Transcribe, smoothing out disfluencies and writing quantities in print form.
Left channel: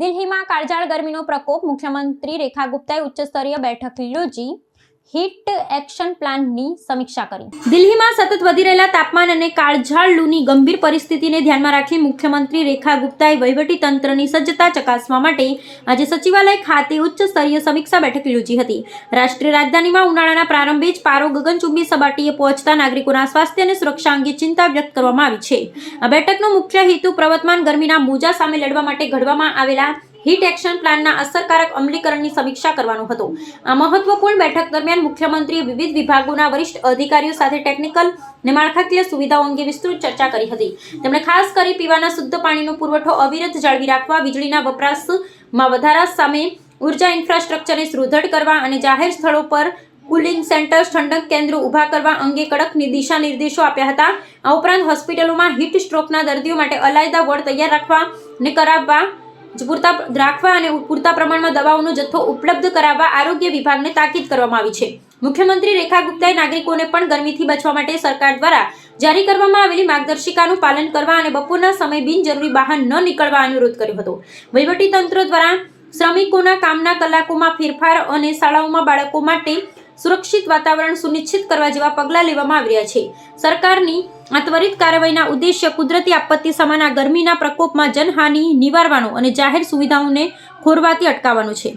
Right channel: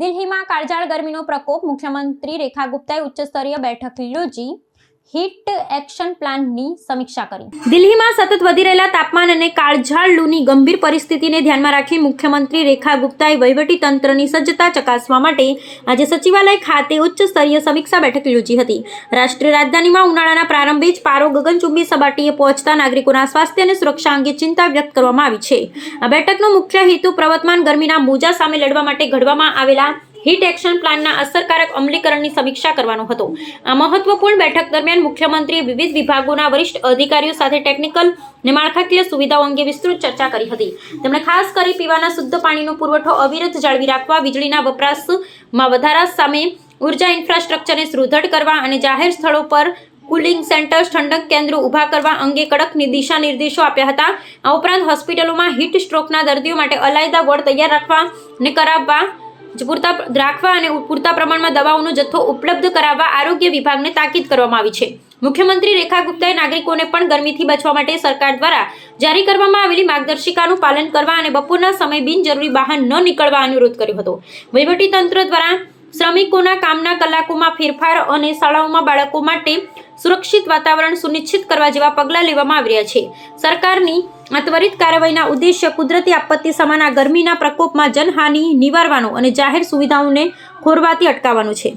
દિલ્હીમાં કાળઝાળ ગરમીનો પ્રકોપ. મુખ્યમંત્રી રેખા ગુપ્તાએ ઉચ્ચસ્તરીય બેઠક યોજી હીટ એક્શન પ્લાનની સમીક્ષા કરી. દિલ્હીમાં સતત વધી રહેલા તાપમાન અને કાળઝાળ લૂની ગંભીર પરિસ્થિતિને ધ્યાનમાં રાખી મુખ્યમંત્રી રેખા ગુપ્તાએ વહીવટી તંત્રની સજ્જતા ચકાસવા માટે આજે સચિવાલય ખાતે ઉચ્ચસ્તરીય સમીક્ષા બેઠક યોજી હતી. રાષ્ટ્રીય રાજધાનીમાં ઉનાળાના પ્રારંભે જ પારો ગગનચુંબી સપાટીએ પહોંચતા નાગરિકોના સ્વાસ્થ્ય અને સુરક્ષા અંગે ચિંતા વ્યક્ત કરવામાં આવી છે. આ બેઠકનો મુખ્ય હેતુ પ્રવર્તમાન ગરમીના મોજા સામે લડવા માટે ઘડવામાં આવેલા હીટ એક્શન પ્લાનના અસરકારક અમલીકરણની સમીક્ષા કરવાનો હતો. આ મહત્વપૂર્ણ બેઠક દરમિયાન મુખ્યમંત્રીએ વિવિધ વિભાગોના વરિષ્ઠ અધિકારીઓ સાથે ટેકનિકલ અને માળખાકીય સુવિધાઓ અંગે વિસ્તૃત ચર્ચા કરી હતી. તેમણે ખાસ કરી પીવાના શુદ્ધ પાણીનો પુરવઠો અવિરત જાળવી રાખવા, વીજળીના વપરાશમાં વધારા સામે ઉર્જા ઇન્ફ્રાસ્ટ્રક્ચરને સુદૃઢ કરવા અને જાહેર સ્થળો પર કુલિંગ સેન્ટર્સ, ઠંડક કેન્દ્રો ઊભા કરવા અંગે કડક દિશા નિર્દેશો આપ્યા હતા. આ ઉપરાંત હોસ્પિટલોમાં હીટ સ્ટ્રોકના દર્દીઓ માટે અલાયદા વોર્ડ તૈયાર રાખવા અને પૂરતા પ્રમાણમાં દવાઓનો જથ્થો ઉપલબ્ધ કરાવવા આરોગ્ય વિભાગને તાકીદ કરવામાં આવી છે. મુખ્યમંત્રી રેખા ગુપ્તાએ નાગરિકોને પણ ગરમીથી બચવા માટે સરકાર દ્વારા જારી કરવામાં આવેલી માર્ગદર્શિકાનું પાલન કરવા અને બપોરના સમયે બિનજરૂરી બહાર ન નીકળવા અનુરોધ કર્યો હતો. વહીવટીતંત્ર દ્વારા શ્રમિકોના કામના કલાકોમાં ફેરફાર અને શાળાઓમાં બાળકો માટે સુરક્ષિત વાતાવરણ સુનિશ્ચિત કરવા જેવા પગલાં લેવામાં આવી રહ્યા છે. સરકારની આ ત્વરિત કાર્યવાહીના ઉદ્દેશ્ય કુદરતી આપત્તિ સમાન આ ગરમીના પ્રકોપમાં જનહાનિ નિવારવાનો અને જાહેર સુવિધાઓને ખોરવાથી અટકાવવાનો છે.